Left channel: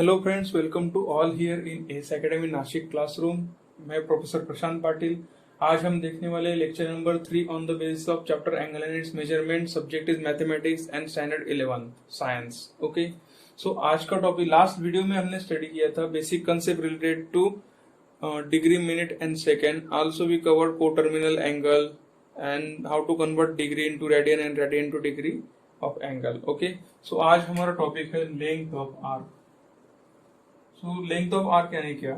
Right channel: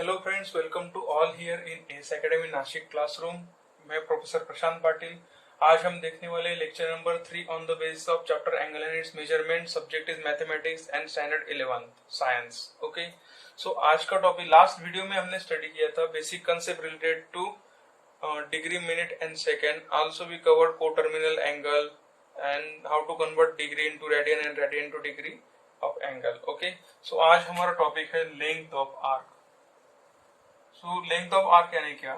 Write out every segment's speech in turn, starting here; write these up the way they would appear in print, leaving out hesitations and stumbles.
Hello friends, welcome to all here in S academy Nashik classroom. मैं professor Prashant Patil. आज हम देखने वाले lecture number 3 on the basis of chapter angle and its measurement. Subject is mathematics and standard 11 science. Okay, so आज का topic, last video में हमने study किया था basic concept related to degree, minute and second. Also we covered coterminal angle and how to convert degree into radian and radian into degree of angle. Okay, so आज हमारा topic है length of arc. So length of arc यानी क्या?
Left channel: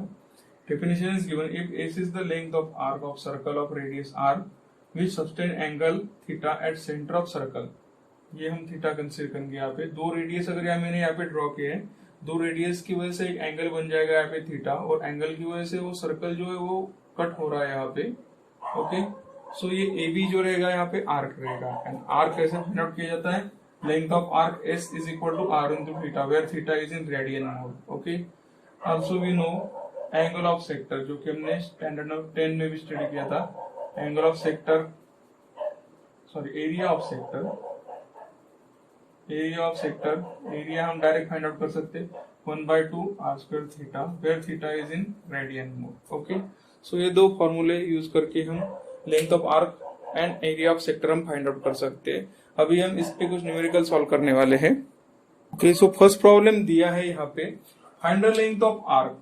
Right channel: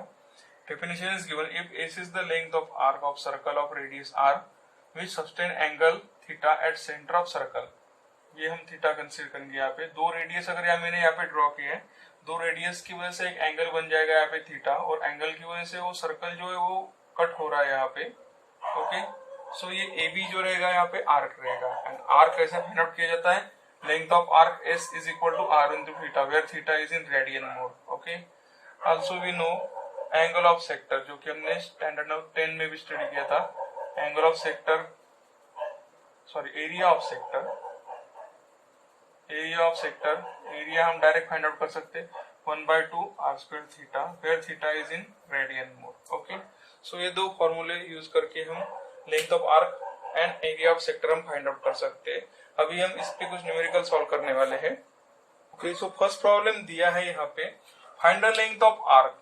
Definition is given if S is the length of arc of circle of radius r which sustain angle theta at center of circle। ये हम theta consider करेंगे। यहाँ पे दो radius अगर यहाँ मैंने यहाँ पे ड्रॉ किया है, दो रेडियस की वजह से एक एंगल बन जाएगा यहाँ पे थीटा, और एंगल की वजह से वो सर्कल जो है वो कट हो रहा है यहाँ पे। ओके, सो ये ए बी जो रहेगा यहाँ पे आर्क रहेगा। एंड आर्क कैसे फाइंड आउट किया जाता है? Length of arc S is equal to are into theta, where theta is in radian mode. Okay, also we know angle of sector, जो कि हमने स्टैंडर्ड 10 में भी स्टडी किया था। Angle of sector, area of sector, area हम direct find out कर सकते 1/2 r square theta, where theta is in radian mode. Okay, so ये दो फॉर्मूले यूज करके हम length of arc and area of sector हम फाइंड आउट कर सकते हैं। अभी हम इस पे कुछ न्यूमेरिकल सॉल्व करने वाले हैं। ओके, सो फर्स्ट प्रॉब्लम दिया है यहाँ पे, find the length of arc.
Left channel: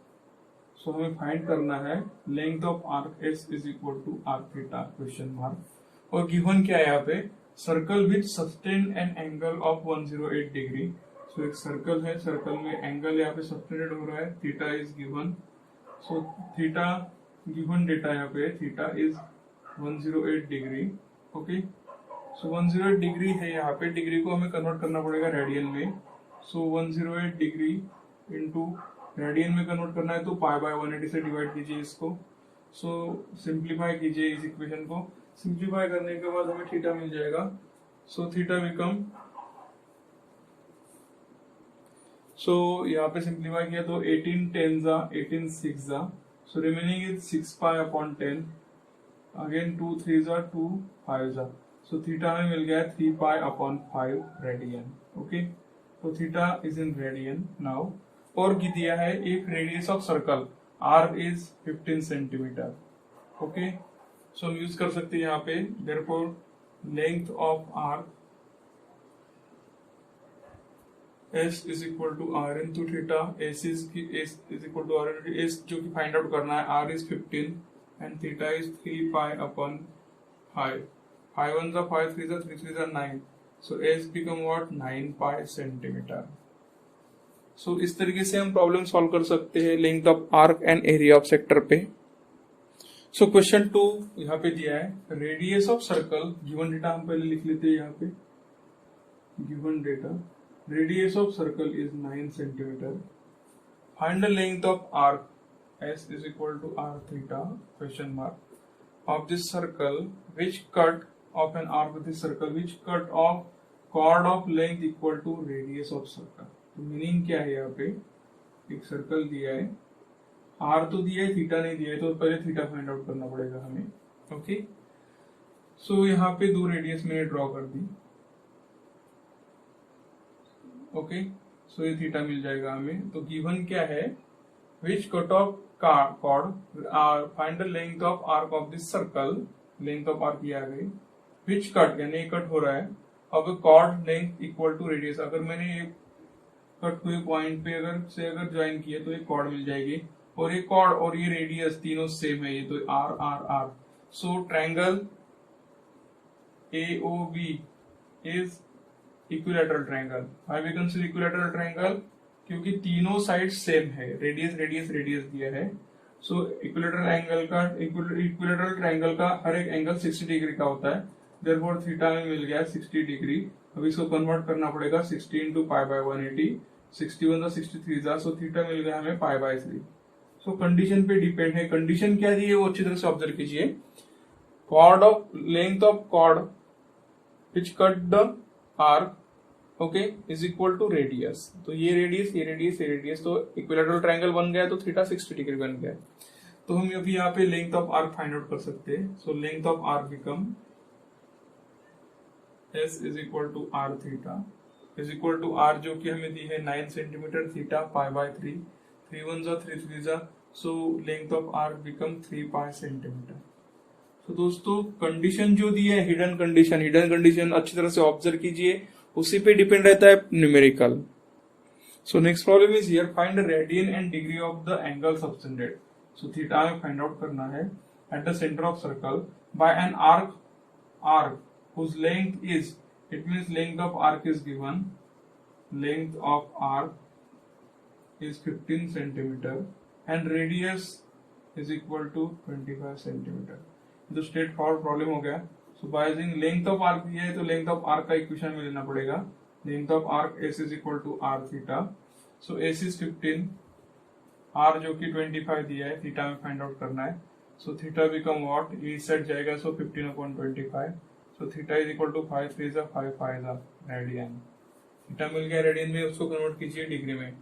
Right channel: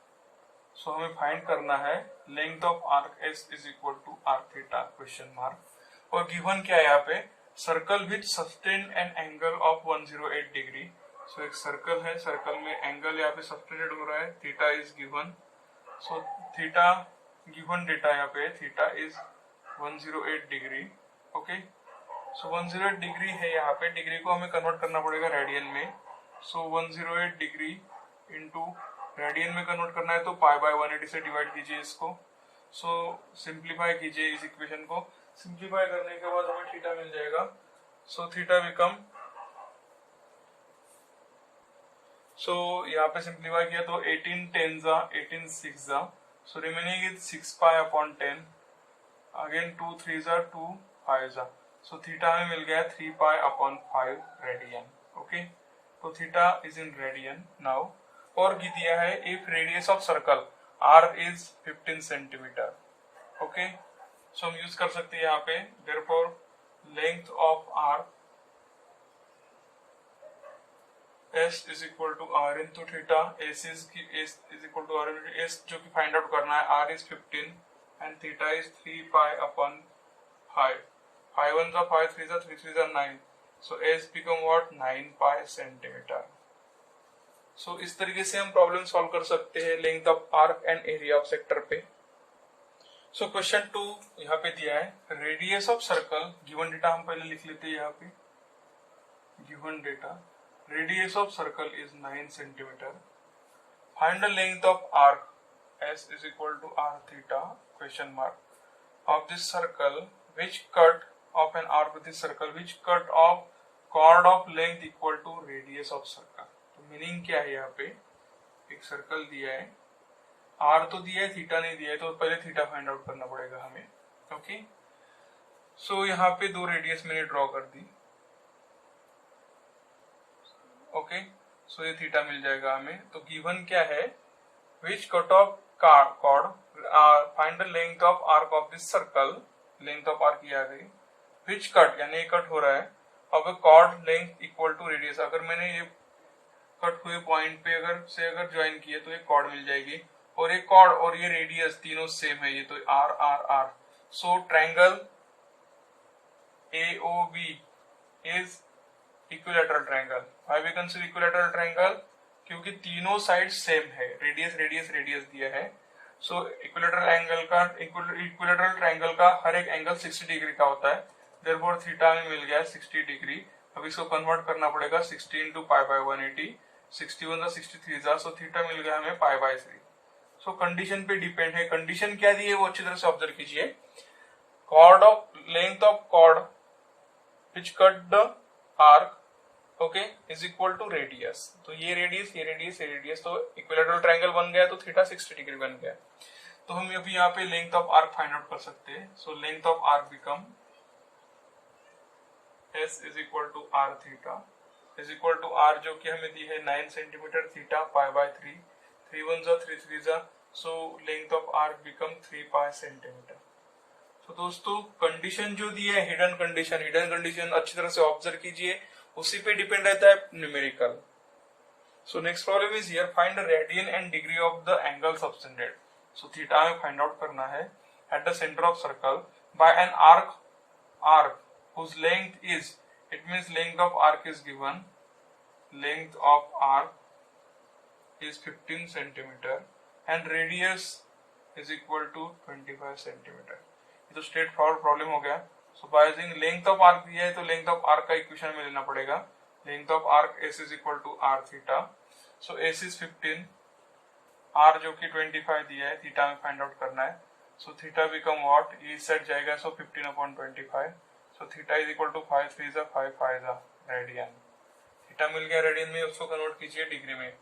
So हमें फाइंड करना है length of arc S is equal to are theta question mark. और गिवन क्या है यहाँ पे? Circle which sustain an angle of 108 degree. So एक सर्कल है, सर्कल में एंगल यहाँ पे सस्टेनेड हो रहा है, theta is given. So theta given data यहाँ पे, theta is 108 degree. Okay, so 108 degree है यहाँ पे, डिग्री को हमें कन्वर्ट करना पड़ेगा रेडियन में। सो 108 डिग्री इंटू रेडियन में कन्वर्ट करना है तो पाई बाय 180 से डिवाइड कीजिए इसको। सो सिंप्लीफाई कीजिए इस इक्वेशन को। सिंप्लीफाई करने के बाद हमें थीटा मिल जाएगा। सो थीटा बिकम, सो यहाँ पे सिंप्लीफाई किया तो 18 10 जा 18 6 जा, so remaining is 6 pi upon 10, again 2 3 जा 2 5 जा। सो थीटा हमें मिल गया 3 पाई अपॉन 5 रेडियन। ओके, तो theta is in radian now. और दिया है if radius of circle r is 15 centimetre. Okay, so हम यूज कर सकते हैं यहाँ पे, therefore length of arc s is equal to are into theta. S is equal to are into s, जो कि फाइंड आउट करना है। R is 15 and theta is 3 pi upon 5। 5 1 जा 5, 3 जा 3 3 जा 9। So s become what? 9 pi centimetre. So इस तरीके से हम प्रॉब्लम सॉल्व कर सकते हैं length of arc and area of sector पे। सो क्वेश्चन 2 यहाँ पे दिया है, radius of circle, given data हम पहले लिख लेते हैं यहाँ पे। Given data, radius of circle is 9 centimetre. Find the length of arc S is equal to are theta question mark of this circle which cut off an arc with this circle which cut off chord of length equal to radius of circle. तो meaning क्या है? यहाँ पे एक circle दिया है, are तो दिया है, थीटा नहीं दिया है, तो पहले थीटा फाइंड आउट करना पड़ेगा हमें। ओके, सो यहाँ पे दो रेडियस मैंने ड्रॉ कर दी। ओके, सो ये थीटा मिल जाएगा हमें। तो गिवन क्या है? Which cut off chord, find the length of arc of this circle. Length of arc ये आ गई, विच कट यानी कट हो रहा है, अब chord length equal to radius. अगर मैंने ये कट हुए पॉइंट पे अगर ज्वाइन किए तो एक कॉर्ड मिल जाएगी, और एक कॉर्ड और ये रेडियस तीनों सेम है, ये तो R R R. So triangle AOB is equilateral triangle. Why we consider equilateral triangle? क्योंकि तीनों साइड सेम है, रेडियस रेडियस रेडियस दिया है। सो इक्विलैटरल ट्रायंगल का हर एक एंगल 60 डिग्री का होता है, देयरफॉर थीटा में मिल गया 60 डिग्री। अब इसको कन्वर्ट करना पड़ेगा 60 इंटू पाई बाय 180, 61 जा 63 जा, सो थीटा मिल गया हमें पाई बाय 3। सो कंडीशन पे डिपेंड है, कंडीशन क्या दी है वो अच्छी तरह से ऑब्जर्व कीजिए। Chord of length of chord which cut the arc, okay, is equal to radius. तो ये रेडियस ये रेडियस ये रेडियस, तो इक्विलैटरल ट्रायंगल बन गया, तो थीटा 60 डिग्री बन गया। तो हम अभी यहाँ पे length of arc find out कर सकते हैं। So length of arc become S is equal to R theta is equal to R जो कि हमें दी है 9 सेंटीमीटर, थीटा पाई बाय 3, 3 1 जा 3 3 जा, सो length of arc become 3 pi centimetre. तो दोस्तों कंडीशन जो दी है हिडन कंडीशन अच्छी तरह से ऑब्जर्व कीजिए, उसी पे डिपेंड रहता है numerical. So next problem is here, find the radian and degree of the angle subtended. So theta में फाइंड आउट करना है at the centre of circle by an arc whose length is, it means length of arc is given, length of arc is 15 centimeter and radius is equal to 25 centimeter। ये तो straight forward problem हो गया। So by using length of arc दिया है तो length of arc का equation में लेना पड़ेगा, length of arc S is equal to are theta. So s is 15, r जो कि 25 दिया है, थीटा में फाइंड आउट करना है। सो थीटा बिकम व्हाट, इस साइड जाएगा, सो 15/25। So theta is equal to 5 3 जा 5 5 जा रेडियन। थीटा मिल गया रेडियन में, उसको कन्वर्ट कीजिए डिग्री में।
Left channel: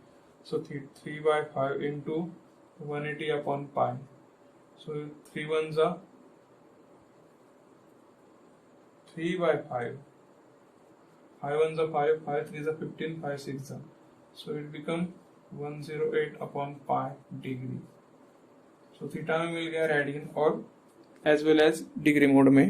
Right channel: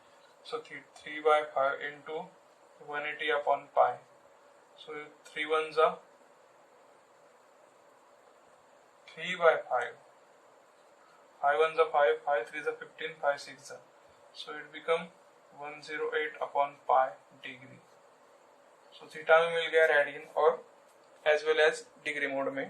सो 3/5 इंटू 180/पाई। सो 3 1 जा 3/5, 5 1 जा 5, 5 3 जा 15, 5 6 जा, सो इट बिकम 108/पाई डिग्री। सो थीटा में मिल गया रेडियन और as well as degree mode में।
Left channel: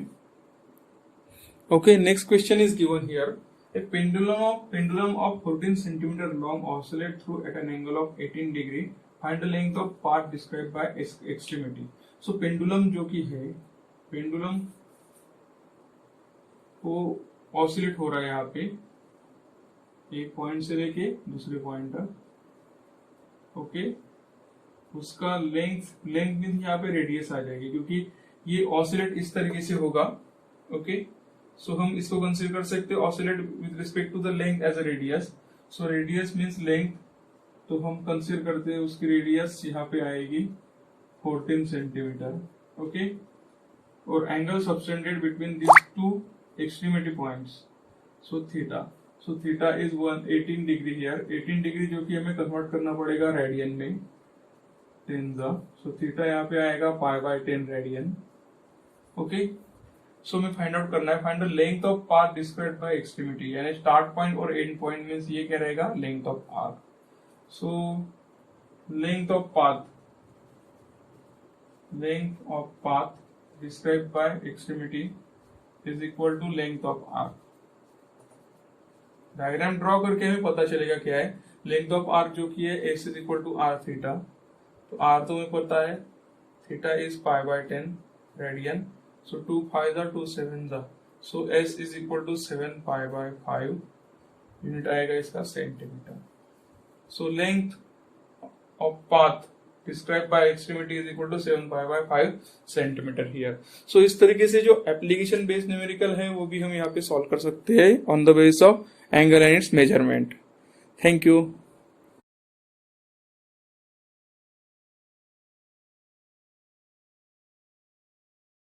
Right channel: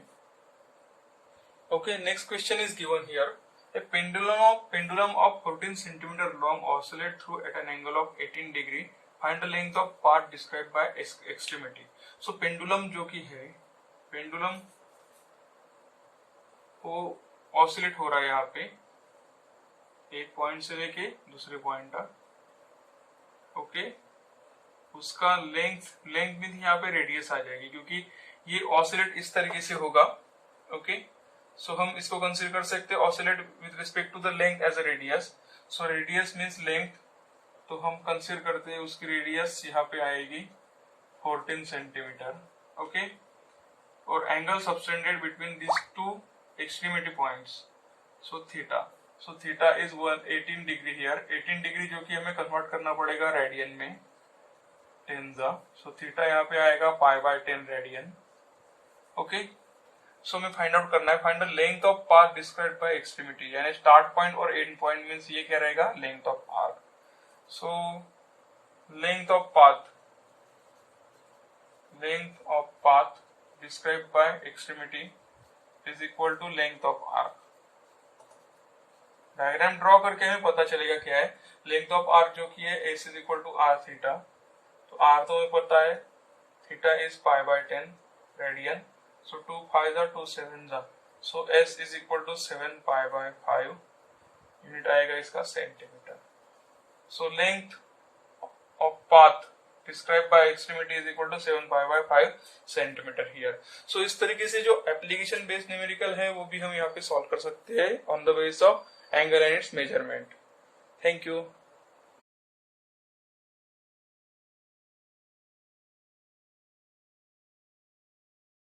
Okay, next question is given here. A pendulum of 14 centimeter long oscillate through at an angle of 18 degree. Find the length of path described by extremity. So pendulum जो कि है, pendulum को oscillate हो रहा है यहाँ पे एक पॉइंट से लेके दूसरे पॉइंट तक। ओके, उसका लेंथ भी यहाँ पे रेडियस आ जाएगी क्योंकि ये ऑसिलेट इस तरीके से होगा। ओके, सो हम इसको कंसीडर कर सकते हैं oscillate with respect to the length as a radius. So radius means length, तो हम कंसीडर करते हैं उसकी रेडियस यहाँ पे आएगी 14 सेंटीमीटर। ओके, और angle subtended between this two extremity points, so theta is 18 degree here, 18 degree जो कि हमें कन्वर्ट करना पड़ेगा रेडियन में 10 जा। सो थीटा यहाँ पे आएगा π/10 रेडियन। ओके, सो हमें फाइंड आउट करना है, find the length of path described by extremity, यानी स्टार्ट पॉइंट और एंड पॉइंट मींस ये क्या रहेगा, length of arc. So length of path described by extremity is equal to length of arc. Diagram draw करके हमें पता चलेगा क्या है, लेंथ ऑफ आर्क जो कि है S is equal to are theta. तो आर तो हमें पता है, थीटा इज π/10 रेडियन। So 2 5 जा 2 7 जा, so s is equal to 7 π/5 unit आएगा इसका centimetre. So length of path described by extremity is equal to 7 π/5 centimetre here। So इस तरीके से जो एप्लीकेशन बेस्ड न्यूमेरिकल है वो भी हम यहाँ पे सॉल्व कर सकते हैं on the base of angle and its measurement. Thank you.